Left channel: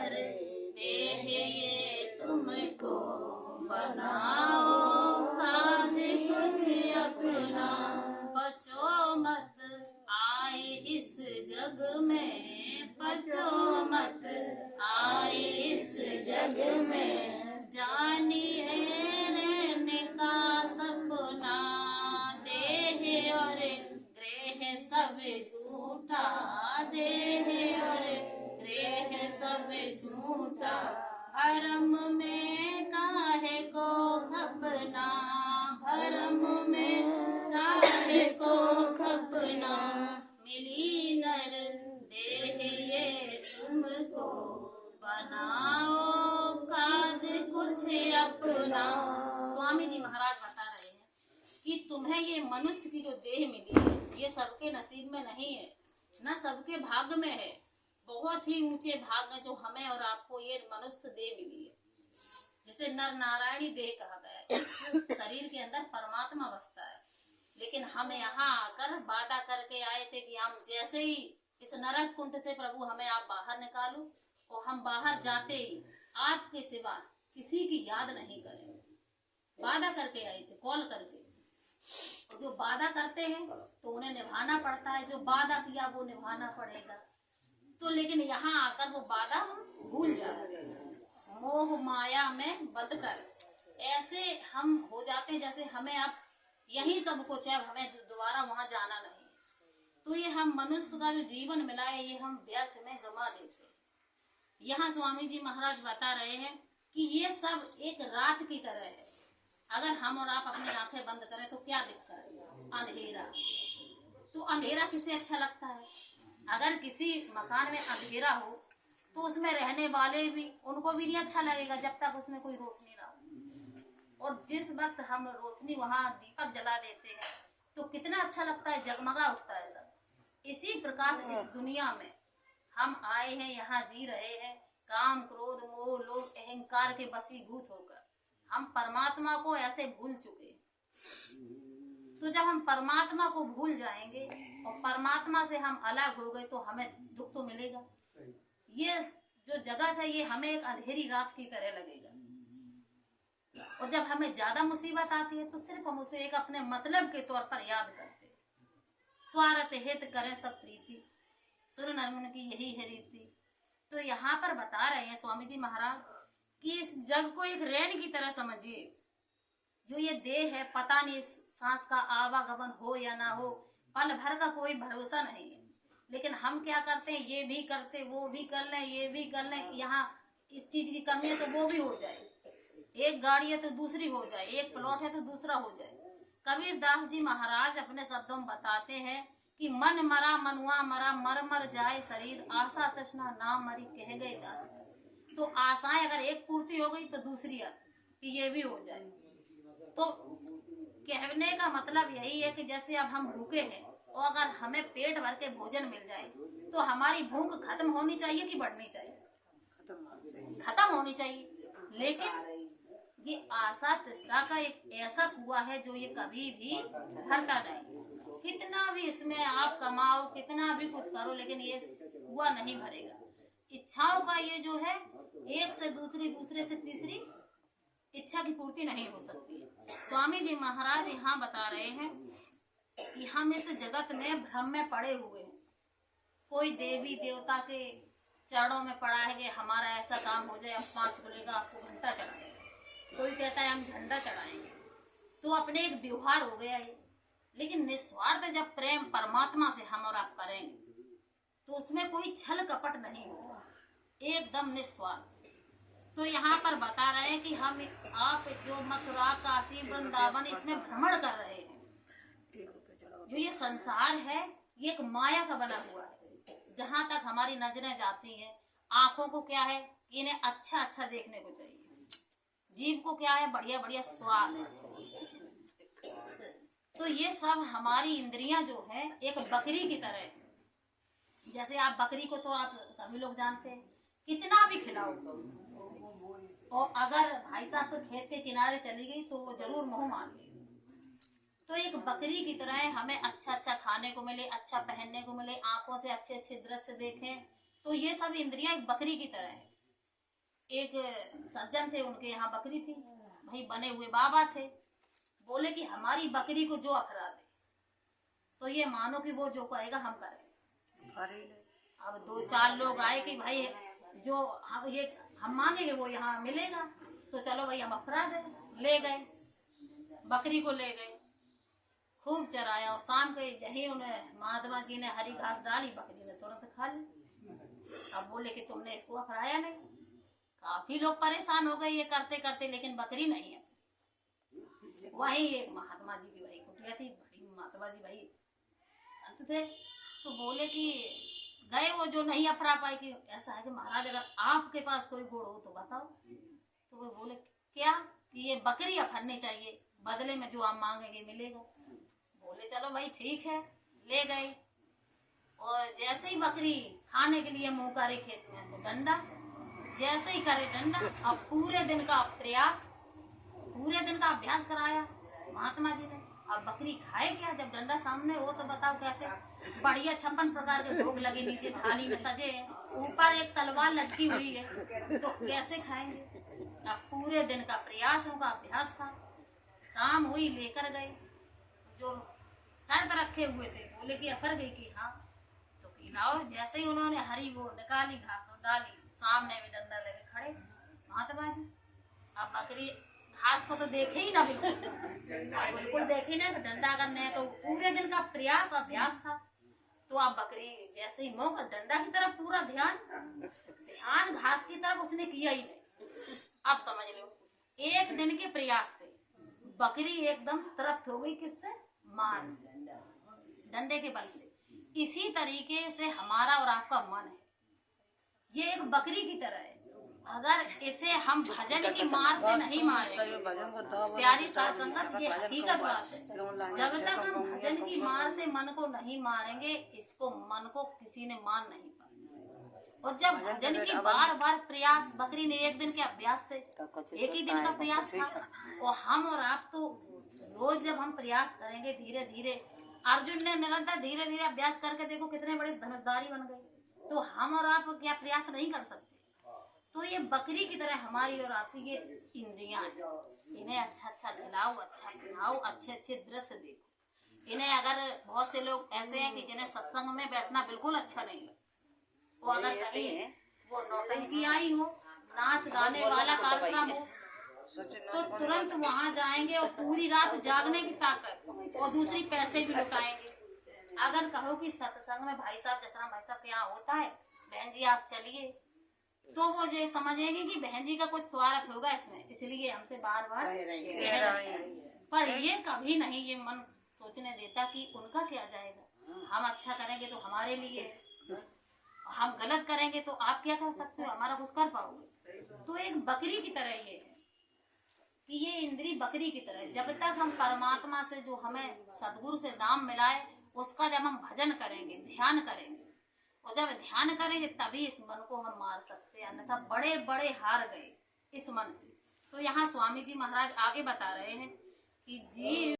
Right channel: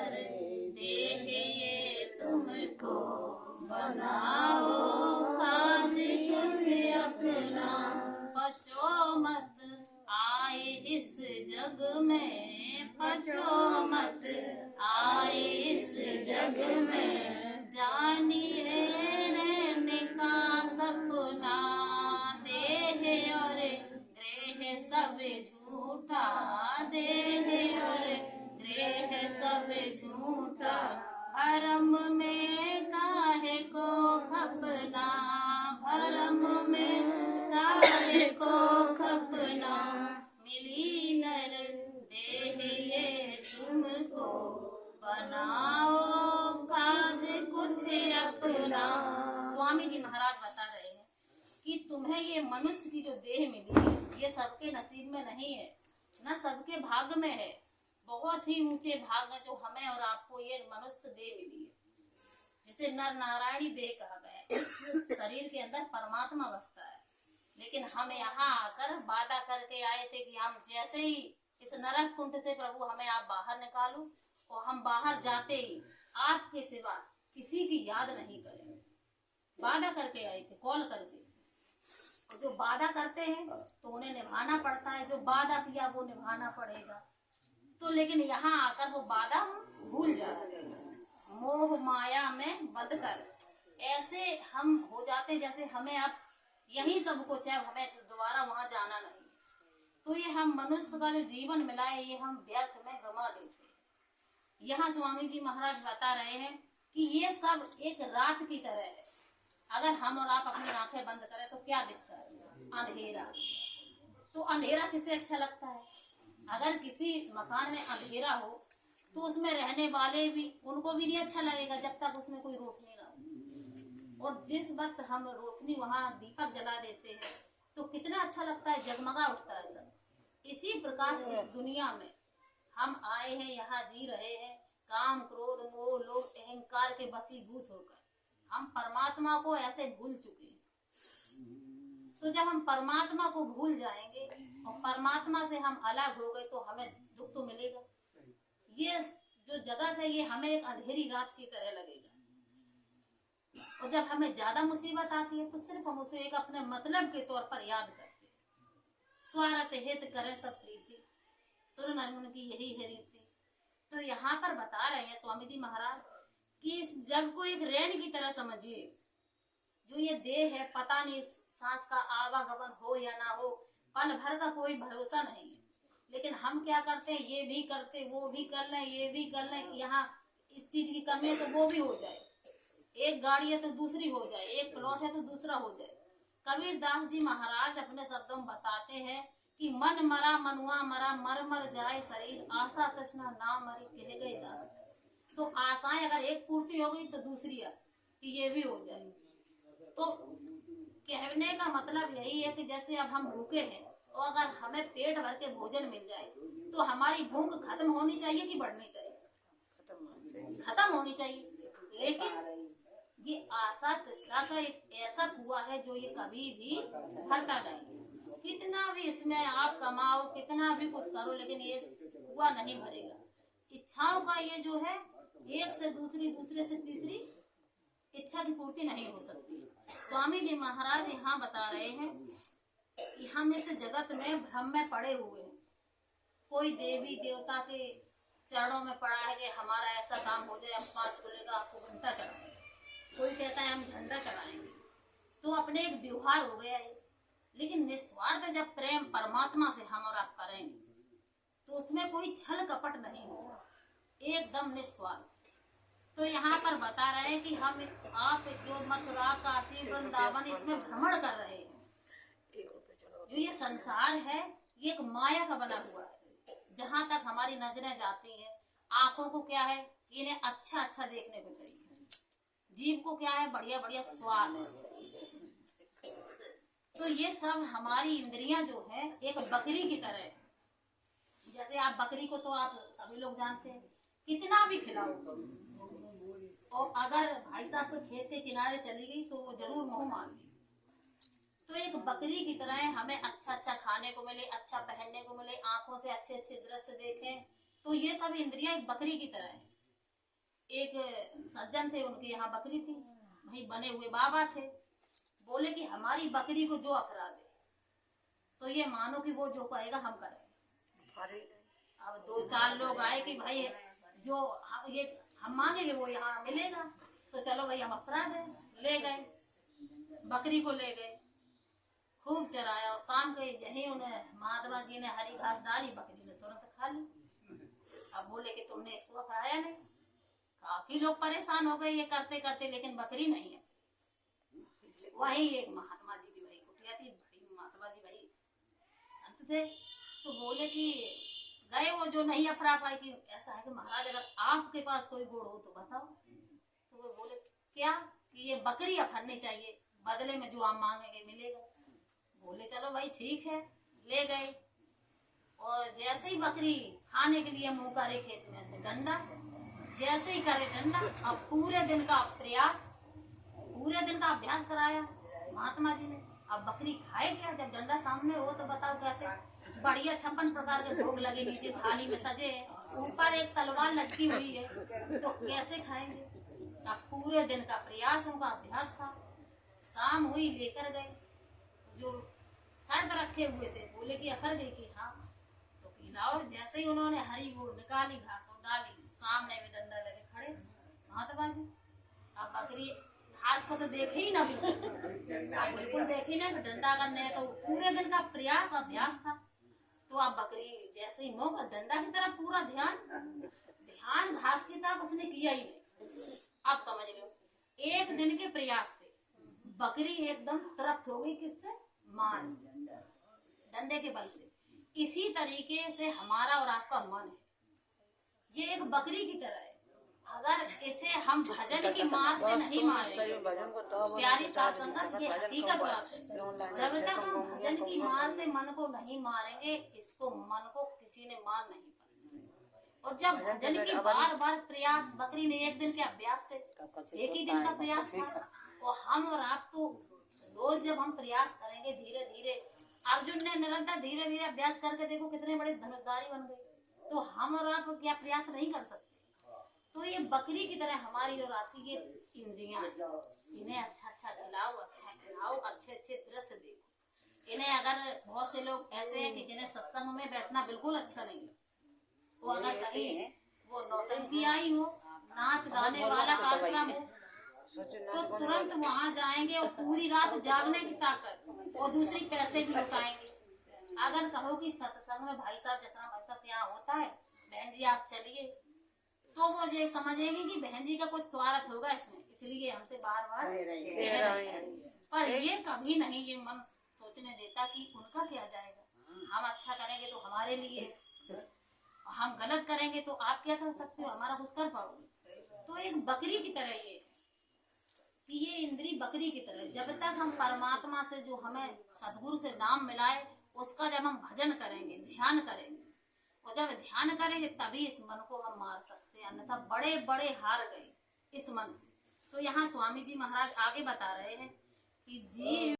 नर देह ये तुमको बनाओ, काज कुछ अपना बचो मत आए इस जग में, बचो मत आए इस जग में। जानिए रहने का सपना, देह और ग्रह सब झूठा, देह और ग्रह सब झूठा। भरम में काहे को खपना, भरम में काहे को खपना। मिली नर देह ये तुमको बनाओ, काज कुछ अपना। स्वामी जी महाराज बता रहे हैं कि तुम्हें ये मनुष्य की जो देह मिली है, ये सबके नसीब में नहीं है, न सबके भाग्य में है। बहुत ही ऊंचे भाग है जो हमें और आपको ये मनुष्य देह मिली है, जिसे नर नारायणी देह कहा गया है। इस शरीर के अंदर परमात्मा बसता है, लेकिन हम यहाँ आकर वादा करके आए थे कि हम जैसे ही इस नरक कुंड से प्रभु हमें आप बाहर निकालो, और हम बाहर जाते ही आपके सिवा किसी की याद नहीं करेंगे। वादा करके आए थे कॉल करके। और जो वादा करते हैं तो उन्हें निभाना पड़ता है, जो वादा किया वो निभाना पड़ेगा। तो लेकिन यहाँ आकर वो वादा भूल जाते हैं, मोह माया में बंध कर ऐसे हम हो जाते जैसे हमें अब यही सब कुछ है, हमें दोबारा वहां जाना नहीं। तो ये हम मनुष्य का जो जीवन मिला है ये हम व्यर्थ में गंवा देते हैं। यहाँ स्वामी जी महाराज बता रहे हैं कि ये सब एक रात की तरह है। अगर हम और आप अपनी आंखें बंद करें तो क्या दिखता है? अंधेरा। तो अंधेरा किसे अच्छा लगता है? अगर किसी मकान में अंधेरा हो तो उसमें रहने वाले भी, उनको भी नहीं अच्छा लगेगा जब तक उसमें कोई रोशनी ना हो। और जिस वक्त हम रोशनी वहां दीपक जला देते हैं तो कितना अच्छा लगता है, जगमगा उठता है सब। इसी प्रकार से इस दुनिया में हम आए हैं, यहाँ जी रहे हैं, काम क्रोध मोह लोभ अहंकार के वशीभूत होकर हम परमात्मा को ऐसे भूल चुके। तो जब हम परमात्मा को भूल जाएंगे और परमात्मा से हम अलग हो गए तो हमें दुख तो मिलेगा। ये जो जगत है ये हमें एक अंधेरी रात की तरह लगेगा। और जब हमें ज्यादा मुसीबत आती है तो सिर्फ हम उसे एक अपने मतलब के तौर पर याद करते हैं। स्वार्थ हित करें सब प्रीति, सुर नर की यही है रीति। तो यहाँ पर बता रहे हैं स्वामी जी महाराज कि इस जग को एक रेन की तरह समझिए। जो ये देह है, पता नहीं सांस का आवागमन हो या ना हो, पल भर का कोई भरोसा नहीं है। लेकिन हम क्या करते हैं, ये भी करते, वो भी कर लें, ये भी कर लें। यहाँ इस चीज की कमी है तो वो भी हो जाए, एक गाड़ी है तो दूसरी हो जाए, एक प्लॉट है तो दूसरा हो जाए। कबीर दास जी महाराज अपने शब्दों में बताते हैं कि मन मरा मनुआ मरा, मर मर जाए शरीर, आशा तृष्णा ना मरी कह गए दास। तो आशाएं अगर एक पूर्ति हो गई तो दूसरी कि ये भी हो जाए। तो कहने का मतलब यही है कि जैसे अब हम भूखे हैं और अगर हमें पेट भर के भोजन मिल जाए तो हमारी भूख खत्म होनी चाहिए कि बढ़नी चाहिए? खत्म होनी चाहिए। लेकिन ये आशा तृष्णा का एक ऐसा कुआं है जो ये कभी भी भरता नहीं। कितना भी इसमें आप कमाओ, कितना भी कुछ करो, लेकिन ये कुआं नहीं भरेगा। इच्छाओं का ये जो है, एक से दूसरी, दूसरे से तीसरी इच्छा की पूर्ति नहीं हो सकती। स्वामी जी महाराज यहाँ बता रहे हैं कि हम इस जगत में भ्रम में पड़े हुए हैं। कोई देवी देवता के चरणों में पड़ा है कि हमारा ऐसा काम हो जाए, अब 5 खुलेगा आपको घंटा चढ़ाएंगे, कोई कहता है हम झंडा चढ़ाएंगे। तो अपने एक व्यवहार हो गया है। लेकिन निस्वार्थ जब प्रेम परमात्मा से हम और आप करेंगे तो उसमें कोई छल कपट नहीं होगा, एकदम निस्वार्थ। तो यहाँ पर बता रहे हैं कि हम आप जो मथुरा काशी वृंदावन इसमें भ्रमण कर रहे हैं। जो ये संसार है ये एक माया का बना हुआ है। जहाँ तक हमारी नजरें जाती हैं, आंखों को क्या है, इन्हें अच्छा अच्छा देखने को चाहिए। जीभ को क्या है, बढ़िया बढ़िया स्वाद है। तो ये सब हमारी इंद्रियां जो है एक बकरी की तरह है। जैसे आप बकरी को तो आप सभी लोग जानते हैं, कितना भी खिलाओ, और अगर भाई साहब तो खेत के किनारे चली गई तो वो जरूर मुंह मार लेगी। तो एक बकरी की तरह हमें अच्छा अच्छा खाने को मिले, अच्छा पहनने को मिले, आंखों से अच्छे अच्छे दृश्य देखें। तो ये सब इंद्रियां एक बकरी की तरह है। एक सज्जन थे, उनके यहाँ बकरी थी। भाई बने हुए बाबा थे, बोले कि हमारी बकरी को जो अखरा दे तो ये मानो कि वो जो करेगा हम करेंगे। अब 2-4 लोग आए कि भाई जो ये हम मांगेंगे वो यहाँ मिलेगा, तो चलो भाई हम अखरा दे। ले गए, बकरी को ले गए, खूब चराया, और शाम के यही उन्हें महात्मा जी ने हरी घास डाली, बकरी ने तुरंत खा ली। अब बोले कि तुमने इसको अखराया नहीं। काफी लोग परेशान हो गए ये करते करते, लेकिन बकरी नहीं है। वही एक महात्मा जी की भाई कुटिया थी, बड़ी महात्मा जी भाई संत थे, तो बोले कि गए वो जो नहीं अफरा पाए कि ऐसा है कि महाराज अगर आपके पास कोई गुड़ हो तो बताओ। तो वो बोले क्या, कि ये बकरी अफरनी चाहिए, बदले में जो आप मांगेंगे मिलेगा। बोले चलो भाई ठीक है। ले गए, और जैसे ही बकरी खाने के लिए मुंह करे खेत में से डंडा, जैसे ही करे डंडा, अब पूरे दिन का प्रयास, पूरे दिन का अभ्यास कराया महात्मा जी ने। अब बकरी खाए क्या जब डंडा सामने हो, तो बताओ कैसे। बढ़िया 56 प्रकार के भोग लगे, नीचे थाली में सजे हैं, ऊपर एक तलवार लटकी हुई है, तो कैसे खाएंगे। अब पूरे दिन का प्रयास, उनका अभ्यास था। शाम हुई, लेकर गए, जो शर्त रखे हुए थे, बोले कि अफर गई कि हाँ, तो खिलाओ। जैसे ही उन्होंने हरी वो निकाली, घास डाली, सामने में डंडा लेके खड़े महात्मा जी। अब बकरी घास को तो देखे ही ना, बिल्कुल देखे ना, डंडा करने का पूरे दिन का प्रयास अभ्यास था। तो अब बकरी जैसे ही मुंह का डंडा की तरफ पूरा ध्यान घास की तरफ उसने किया ही नहीं। अब समझ लो, एक दिन के प्रयास से बकरी एकदम तृप्त हो गई। किससे? मान से, डंडे के बल से। इसी तरीके से हमारा और आपका मन है, ये एक बकरी की तरह है। अगर इसे हम भजन की मार से नहीं मारेंगे, प्यारी साथ संगत, ये हकीकत बात है, जब तक हम भजन की मार से मन को नहीं मारेंगे, इसको मन को किसी ने मार नहीं पाया। और जब भजन की बार बार प्रयास, बकरी ने एक दिन के अभ्यास से, एक ही दिन का प्रयास था, और हम और आप तो रोज जब हम प्रयास करेंगे धीरे धीरे, अर्जुन ने निरंतर धीरे धीरे अभ्यास करके देखो कितने बड़े धनुषधारी बन गए, तो हम और आप क्या प्रयास नहीं कर सकते। तो ये बकरी की तरह हमारी और आपकी ये इंद्रियां, इन्हें अच्छा अच्छा खिलाओ, अच्छा खिलाओ, अच्छे अच्छे दृश्य देखो। इन्हें अगर बहुत से लोग ऐसे हैं कि जिन्हें सत्संग में बैठना बिल्कुल अच्छा नहीं लगता, वो अगर कहीं वो नौटंकी आई हो, नाच गाने वाला कार्यक्रम हो, तो तुरंत वहां जाएंगे और पूरी रात जागने की ताकत, और दूसरी पैसे भी लुटाएंगे। अगर कहो कि सत्संग में भाई साहब, जैसा भाई साहब के यहाँ होता है, बहन जी आप चलिए, तो वो ये समझेंगे कि बहन जी का कुछ स्वार्थ होगा इसमें, इसलिए हमसे बार बार कह रहे हैं। पर ये कभी नहीं ये मन सोचने देता कि उनका क्या जाएगा, हम अच्छा करेंगे तो हमारे लिए, हम गलत करेंगे तो आप क्या कर सकते हो, हमारा कुछ कर पाओगे। तो एक बकरी की तरह ये है कि ये इंद्री बकरी की तरह, जब तक हम परमात्मा से, जो हमें सदगुरु से नाम मिलाए, उसका जब हम भजन करेंगे, ध्यान करेंगे, और जब ध्यान करेंगे तभी इस मन को हम मार सकते हैं, अन्यथा बड़े बड़े हार गए इस मन से। तो यहाँ स्वामी जी महाराज आगे बता रहे हैं कि जीव